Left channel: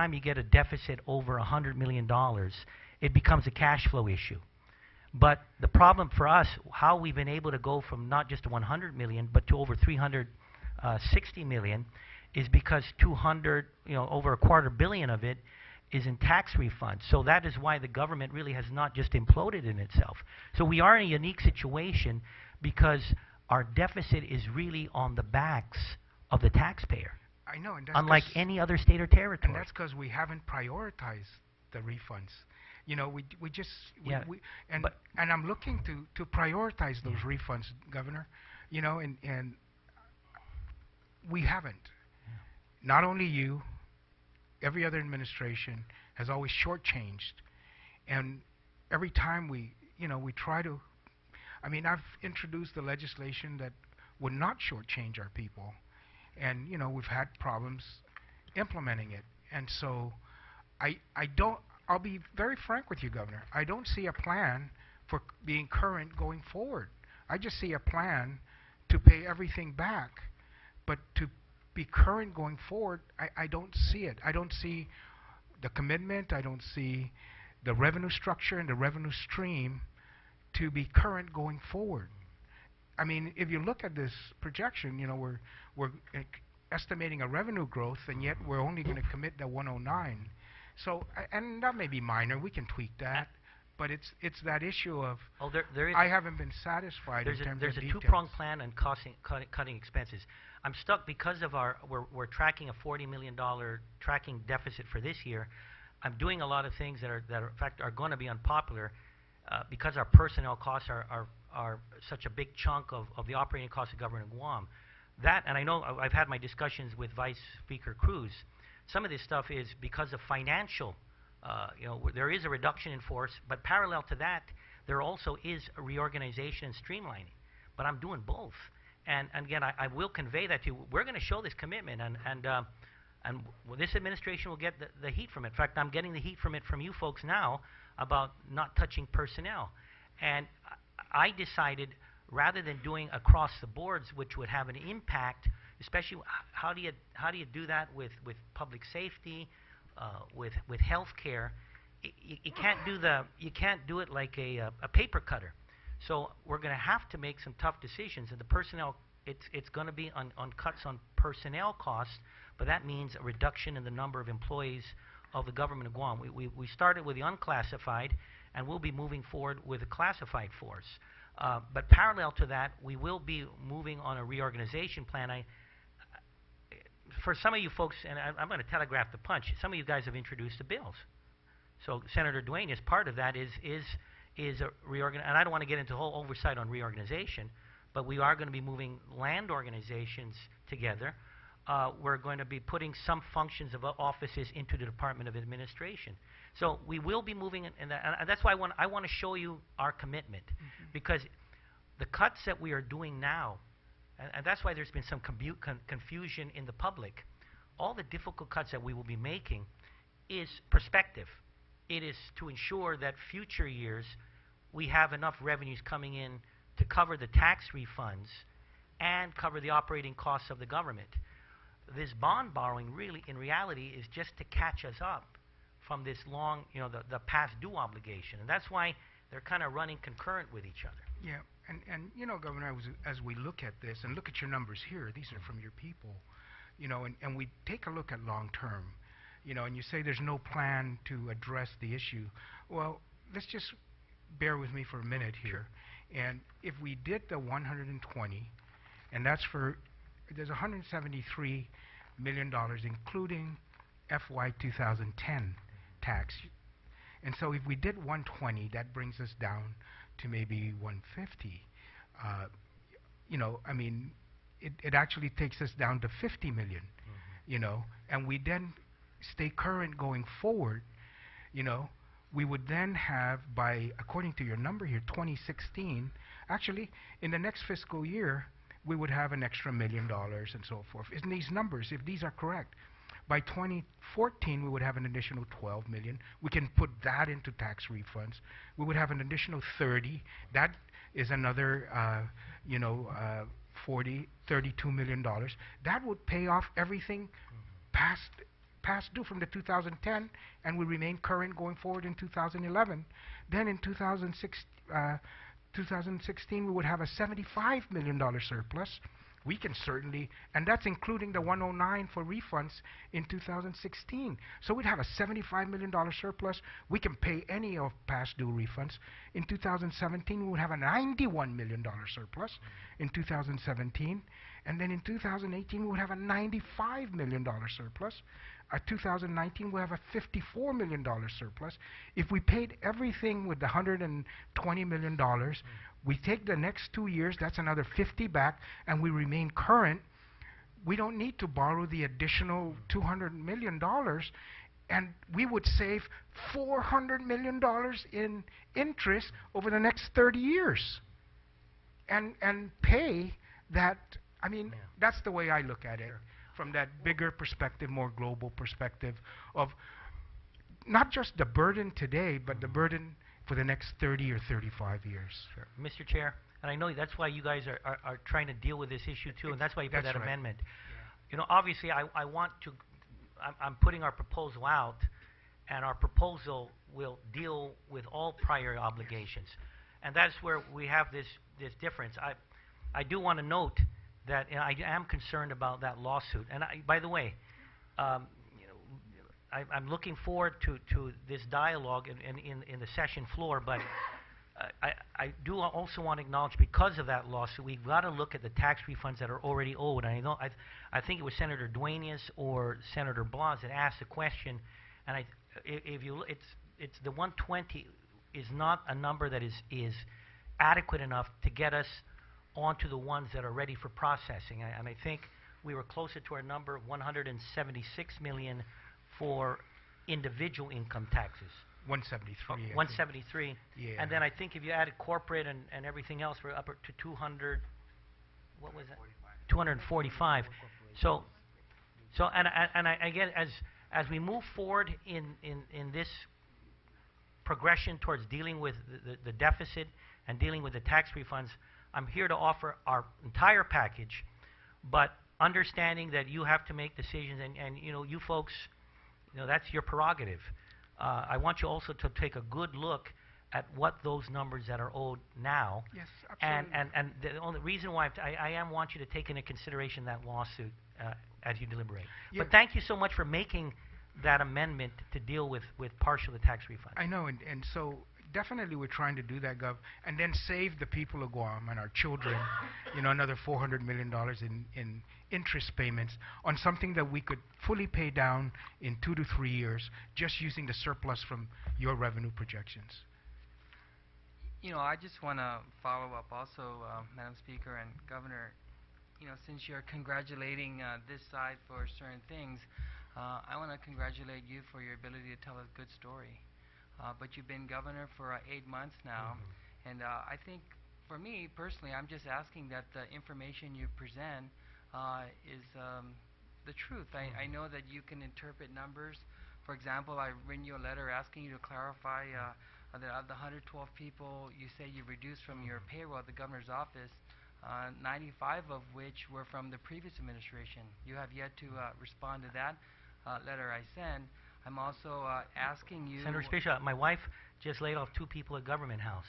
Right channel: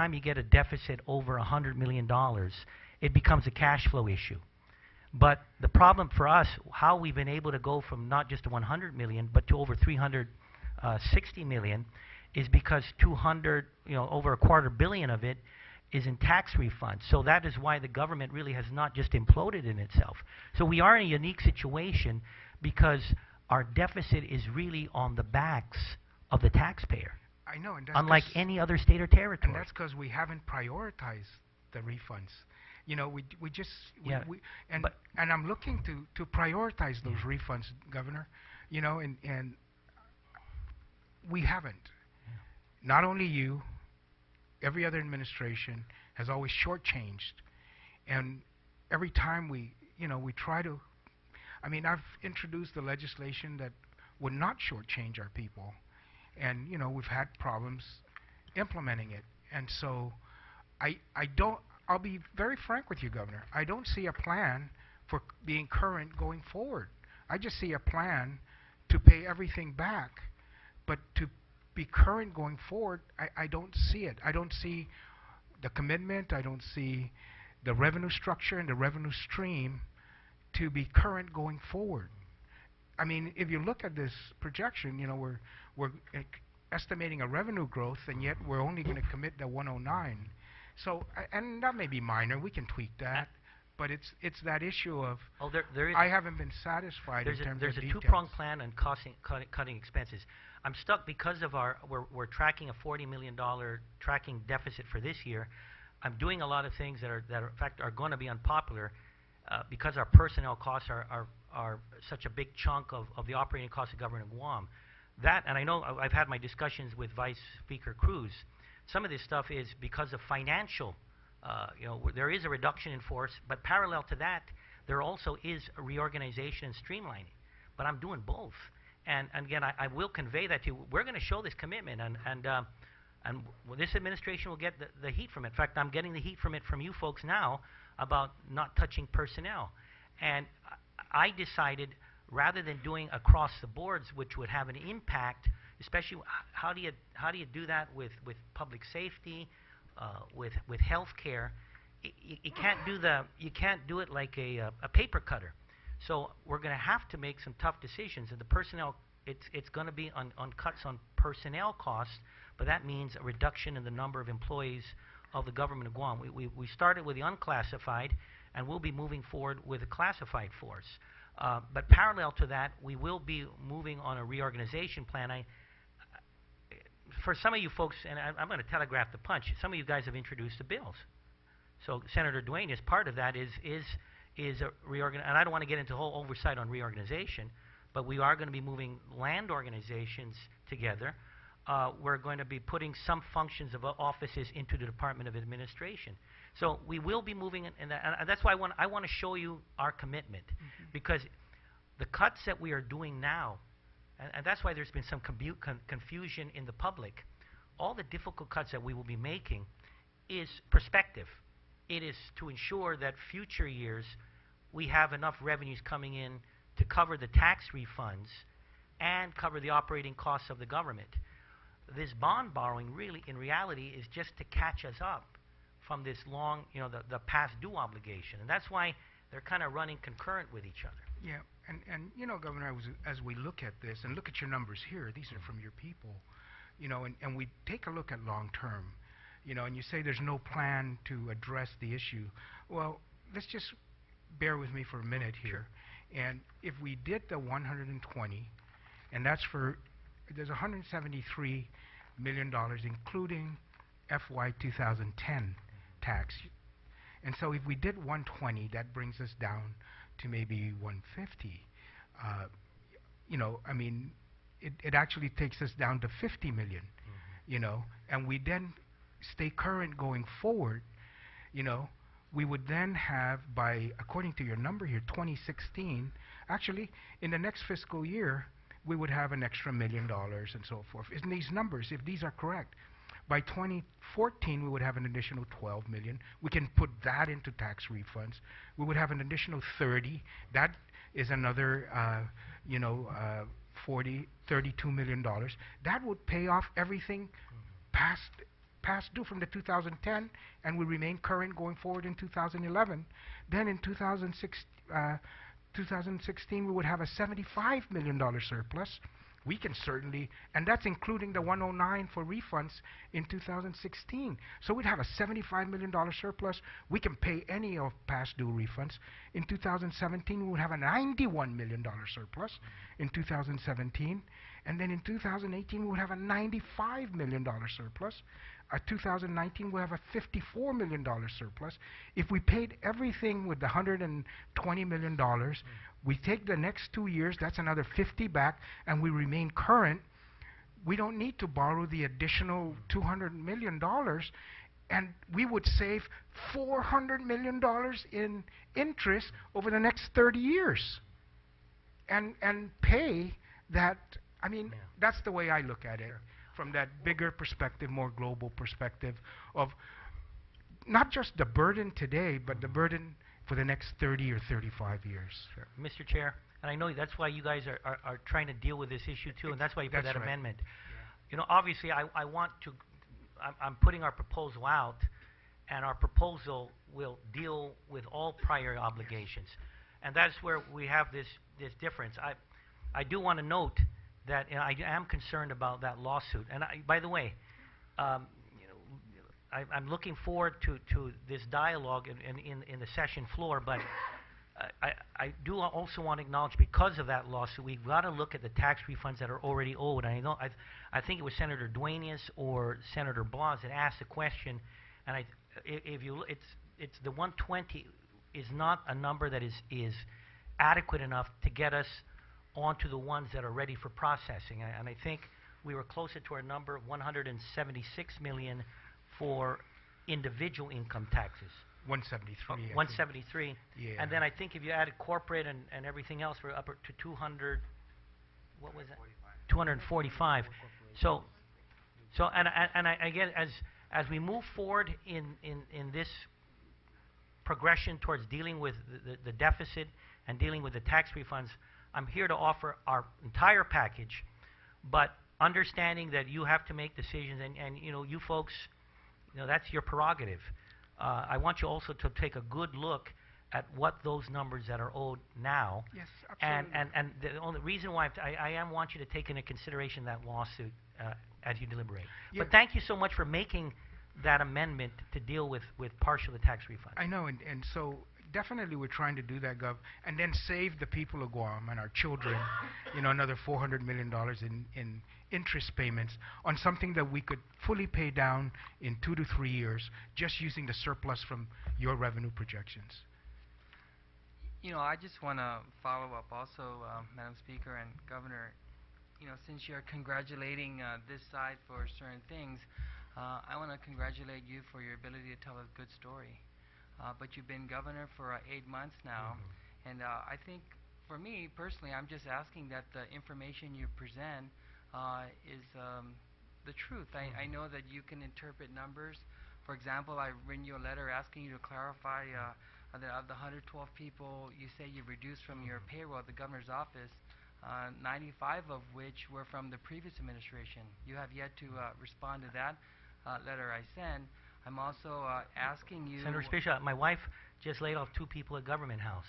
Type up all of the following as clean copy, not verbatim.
time you get a deficit over $100 million, it becomes a cash flow issue. But the problem for us, how we've been able to go from not just 100 million, but to over 360 million, is because 200, over $250 million of it is in tax refunds. So that is why the government really has not just imploded in itself. So we are in a unique situation because our deficit is really on the backs of the taxpayer. I know, and that's unlike any other state or territory. And that's because we haven't prioritized the refunds. We just and I'm looking to prioritize those refunds, Governor. And we haven't. Not only you, every other administration has always shortchanged, and every time we try to. I mean, I've introduced the legislation that would not shortchange our people, and we've had problems implementing it. And so, I'll be very frank with you, Governor. I don't see a plan for being current going forward. I just see a plan to pay everything back, but to be current going forward, I don't see it. I don't see the commitment. I don't see the revenue structure and the revenue stream to be current going forward. I mean, if you look at this projection, we're estimating a revenue growth, and yet we're only going to commit the 109. So, and that may be minor. We can tweak that, but it's that issue of I haven't been satisfied. There's a two-pronged plan on cutting expenses. I'm stuck because of we're tracking a $40 million tracking deficit for this year. I'm doing a lot of things that in fact are going to be unpopular because our personnel costs are such a big chunk of the operating costs of government of Guam. That, and I know I've had my discussions with Vice Speaker Cruz. Some of this stuff is because of financial, there is a reduction in force, but parallel to that, there also is a reorganization and streamlining. But I'm doing both. And again, I will convey that to you. We're going to show this commitment, and this administration will get the heat from it. In fact, I'm getting the heat from it from you folks now about not touching personnel. And I decided, rather than doing across the boards, which would have an impact, especially how do you do that with public safety, with health care? You can't do it like a paper cutter. So we're going to have to make some tough decisions. And the personnel, it's going to be on cuts on personnel costs, but that means a reduction in the number of employees of the government of Guam. We started with the unclassified, and we'll be moving forward with a classified force. But parallel to that, we will be moving on a reorganization plan. For some of you folks, and I'm going to telegraph the punch, some of you guys have introduced the bills. So Senator Duane, as part of that, is a reorganization. And I don't want to get into the whole oversight on reorganization, but we are going to be moving land organizations together. We're going to be putting some functions of offices into the Department of Administration. So we will be moving, and that's why I want to show you our commitment, because the cuts that we are doing now, and that's why there's been some confusion in the public. All the difficult cuts that we will be making is perspective. It is to ensure that future years we have enough revenues coming in to cover the tax refunds and cover the operating costs of the government. This bond borrowing really, in reality, is just to catch us up from this long, the past due obligation. And that's why they're kind of running concurrent with each other. Yeah, and Governor, as we look at this, and look at your numbers here, these are from your people, and we take a look at long term, and you say there's no plan to address the issue. Well, let's just bear with me for a minute here. And if we did the 120, and there's $173 million, including FY 2010 tax. And so if we did 120, that brings us down to maybe 150. I mean, it actually takes us down to 50 million, and we then stay current going forward, we would then have, according to your number here, 2016, actually, in the next fiscal year, we would have an extra $1 million and so forth. In these numbers, if these are correct, by 2014, we would have an additional 12 million. We can put that into tax refunds. We would have an additional 30. That is another, $32 million. That would pay off everything past past due from the 2010, and we remain current going forward in 2011. Then in 2016, we would have a $75 million surplus. We can certainly, and that's including the 109 for refunds in 2016. So we'd have a $75 million surplus. We can pay any of past due refunds. In 2017, we would have a $91 million surplus in 2017. And then in 2018, we would have a $95 million surplus. 2019, we'll have a $54 million surplus. If we paid everything with the $120 million, we take the next 2 years, that's another 50 back, and we remain current. We don't need to borrow the additional $200 million, and we would save $400 million in interest over the next 30 years and pay that. I mean, that's the way I look at it, from that bigger perspective, more global perspective of not just the burden today, but the burden for the next 30 or 35 years. Sure. Mr. Chair, I know that's why you guys are trying to deal with this issue too, and that's why you put that amendment. You know, obviously, I want to, I'm putting our proposal out, and our proposal will deal with all prior obligations. And that's where we have this difference. I do want to note that I am concerned about that lawsuit. And by the way, you know, I'm looking forward to this dialogue in the session floor, but I do also want to acknowledge, because of that lawsuit, we've got to look at the tax refunds that are already owed. And I think it was Senator Duenas or Senator Blanc that asked the question, and it's the 120 is not a number that is adequate enough to get us onto the ones that are ready for processing. And I think we were closer to our number of 176 million for individual income taxes. 173. 173. Yeah. And then I think if you added corporate and everything else, we're up to 200. What was that? 245. So again, as we move forward in this progression towards dealing with the deficit and dealing with the tax refunds, I'm here to offer our entire package, but understanding that you have to make decisions, and you know, you folks, you know, that's your prerogative. I want you also to take a good look at what those numbers that are owed now. Yes, absolutely. And the only reason why I want you to take into consideration that lawsuit as you deliberate. Yeah. But thank you so much for making that amendment to deal with partial tax refunds. I know, and so definitely we're trying to do that, Gov, and then save the people of Guam and our children, you know, another $400 million in interest payments on something that we could fully pay down in 2 to 3 years, just using the surplus from your revenue projections. You know, I just want to follow up also, Madam Speaker and Governor. You know, since you're congratulating this side for certain things, I want to congratulate you for your ability to tell a good story. But you've been governor for 8 months now, and I think, for me personally, I'm just asking that the information you present is the truth. I know that you can interpret numbers. For example, I written you a letter asking you to clarify that of the 112 people you say you reduced from your payroll at the governor's office, 95 of which were from the previous administration. You have yet to respond to that letter I sent. I'm also asking you... Senator Fiscal, my wife just laid off 2 people at Government House.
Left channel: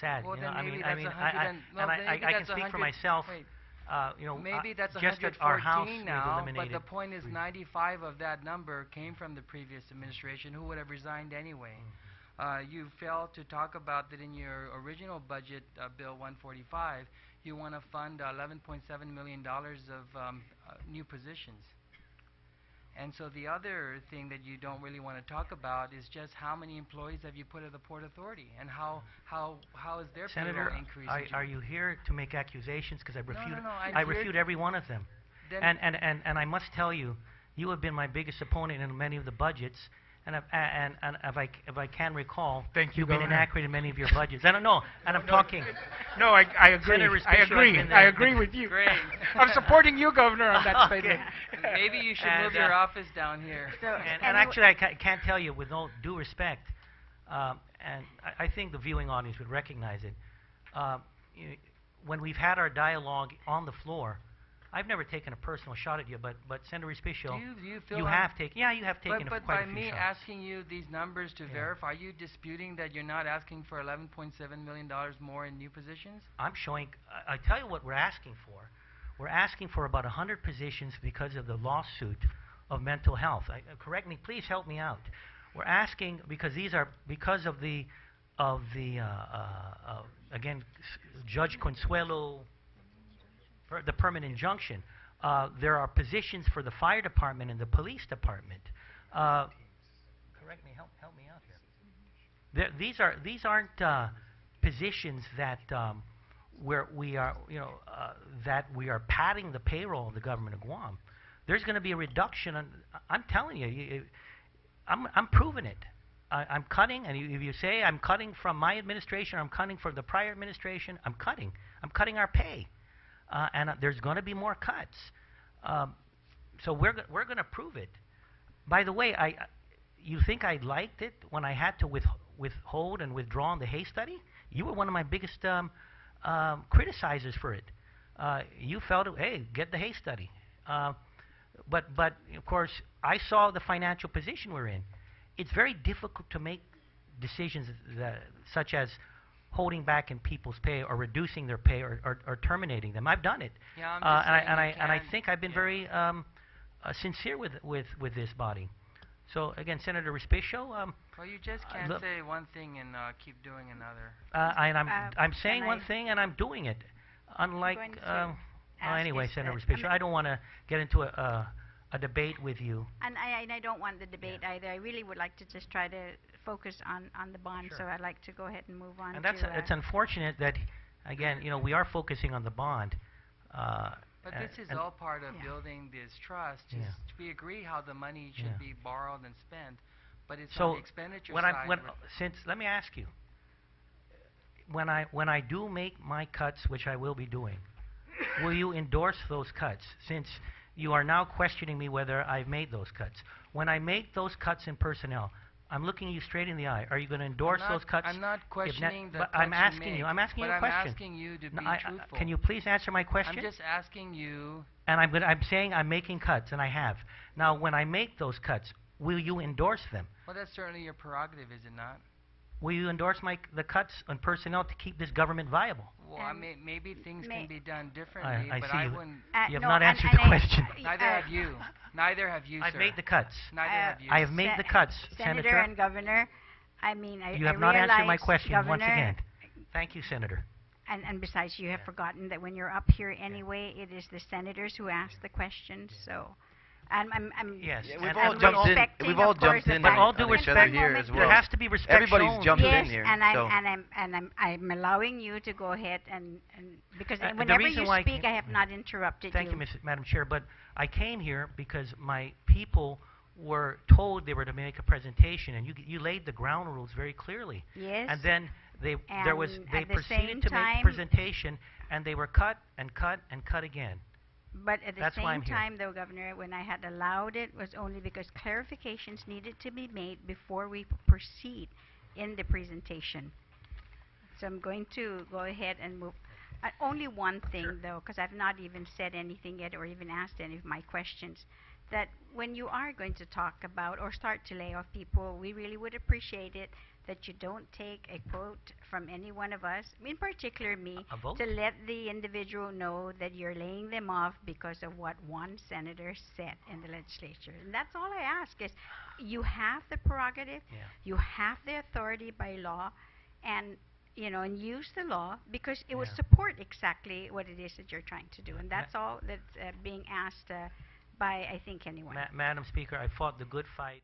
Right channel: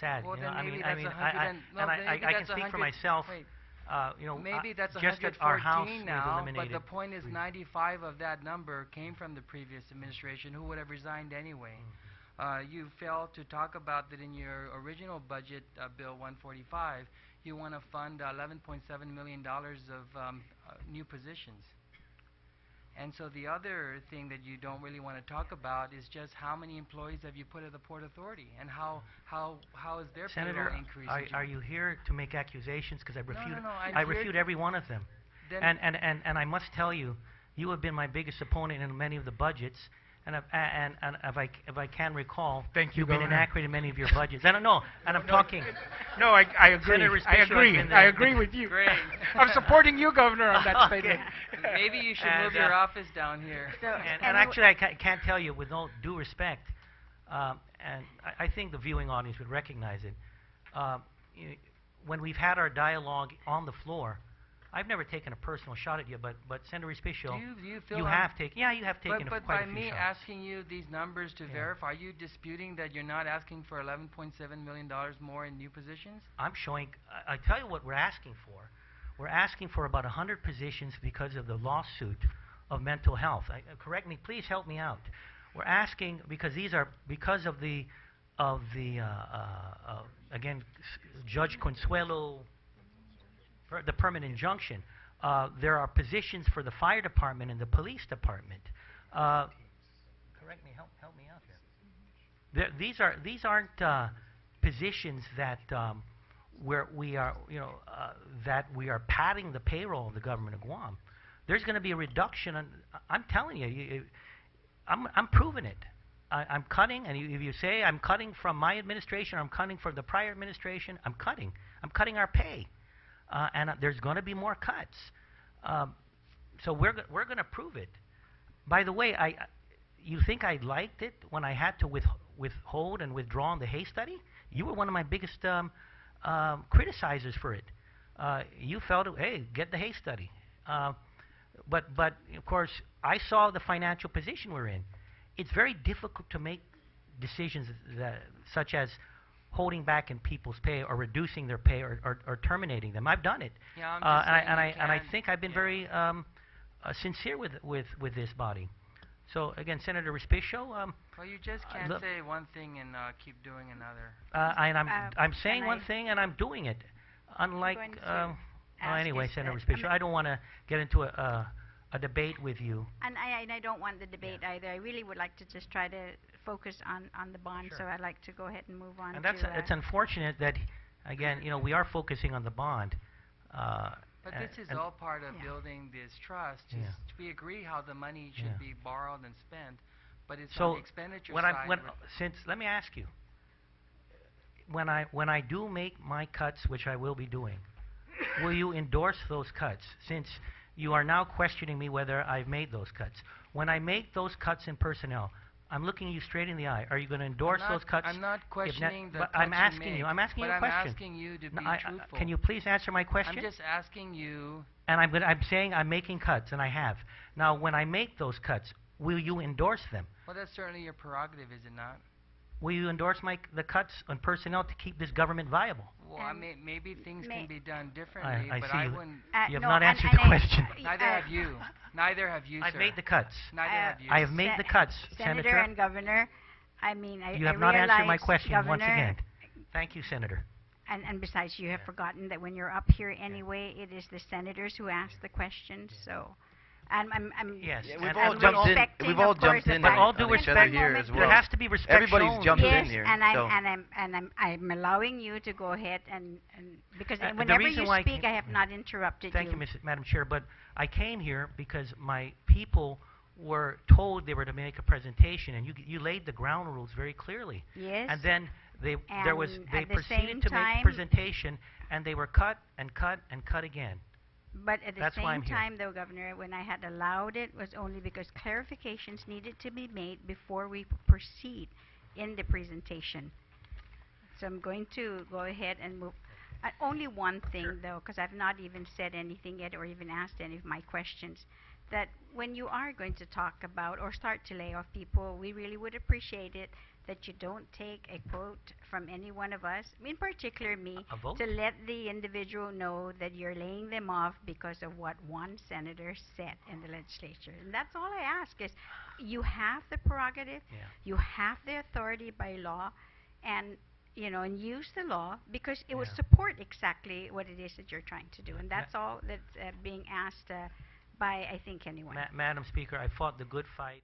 Sad. Well, you know, maybe I can speak for myself. You know, maybe that's just 114 our house now, was but the point is 95 of that number came from the previous administration, who would have resigned anyway. You failed to talk about that in your original budget, Bill 145. You want to fund $11.7 million of new positions. And so the other thing that you don't really want to talk about is just how many employees have you put at the Port Authority, and how is their payroll increasing? Senator, are you here to make accusations? Because I refute refute every one of them. And I must tell you, you have been my biggest opponent in many of the budgets. And if I can recall, you've been inaccurate in many of your budgets. I don't know, and I'm talking. No, I agree. I agree with you. Great. I'm supporting you, Governor, on that statement. Maybe you should move your office down here. And actually, I can't tell you, with all due respect, and I think the viewing audience would recognize it. When we've had our dialogue on the floor, I've never taken a personal shot at you, but Senator Respicio, Do you feel you like have taken. Yeah, you have taken but quite by a few me shots. asking you these numbers to verify, are you disputing that you're not asking for $11.7 million more in new positions? I'm showing. I tell you what we're asking for. We're asking for about 100 positions because of the lawsuit of mental health. Correct me, please help me out. We're asking because these are because of the again, Judge Consuelo, the permanent injunction. There are positions for the fire department and the police department. Correct me, help me out here. These aren't positions that where we are, that we are padding the payroll of the government of Guam. There's going to be a reduction. I'm telling you, I'm proving it. I'm cutting, and if you say I'm cutting from my administration, I'm cutting from the prior administration, I'm cutting. I'm cutting our pay, and there's going to be more cuts. So we're going to prove it. By the way, you think I liked it when I had to withhold and withdraw on the Hay study? You were one of my biggest criticizers for it. You felt, hey, get the Hay study. But of course, I saw the financial position we're in. It's very difficult to make decisions such as holding back in people's pay or reducing their pay or terminating them. I've done it. Yeah, and I think I've been very sincere with this body. So again, Senator Respicio. Well, you just can't say one thing and keep doing another. And I'm saying one thing and I'm doing it. Unlike anyway, Senator Respicio, I don't want to get into a debate with you. And I don't want the debate either. I really would like to just try to focus on the bond. Sure. So I'd like to go ahead and move on. And it's unfortunate that, again, we are focusing on the bond. But this is all part of building this trust. We agree how the money should be borrowed and spent, but it's on the expenditure side. Let me ask you, when I do make my cuts, which I will be doing, will you endorse those cuts? Since you are now questioning me whether I've made those cuts. When I make those cuts in personnel, I'm looking you straight in the eye. Are you going to endorse those cuts? I'm not questioning the cuts I'm asking you. I'm asking you a question. I'm asking you to be truthful. Can you please answer my question? I'm just asking you. And I'm saying I'm making cuts, and I have. Now, when I make those cuts, will you endorse them? Well, that's certainly your prerogative, is it not? Will you endorse the cuts on personnel to keep this government viable? Well, maybe things can be done differently, I but see I wouldn't. You have not answered the question. Neither have you. Neither have you, I've sir. made the cuts. Neither have you. I have made the cuts, Senator and Governor. I mean, you have not answered my question Governor, once again. Thank you, Senator. And besides, you have forgotten that when you're up here anyway, it is the senators who ask the questions. So, I'm yes. We've all jumped in. We've all jumped in. With all due respect, here as well. There has to be respect. Everybody's jumped yes, in here. and I'm allowing you to go ahead and because whenever you speak, I have not interrupted you. Thank you, Madam Chair. But I came here because my people were told they were to make a presentation, and you laid the ground rules very clearly. Yes. And then they proceeded to make a presentation, and they were cut and cut and cut again. But at the That's same time, though, Governor, when I had allowed it was only because clarifications needed to be made before we proceed in the presentation. So I'm going to go ahead and move. Only one thing, though, because I've not even said anything yet or even asked any of my questions, that when you are going to talk about or start to lay off people, we really would appreciate it that you don't take a quote from any one of us, in particular me, to let the individual know that you're laying them off because of what one senator said in the legislature. And that's all I ask is you have the prerogative, you have the authority by law, and and use the law because it will support exactly what it is that you're trying to do. And that's all that's being asked by, I think, anyone. Madam Speaker, I fought the good fight.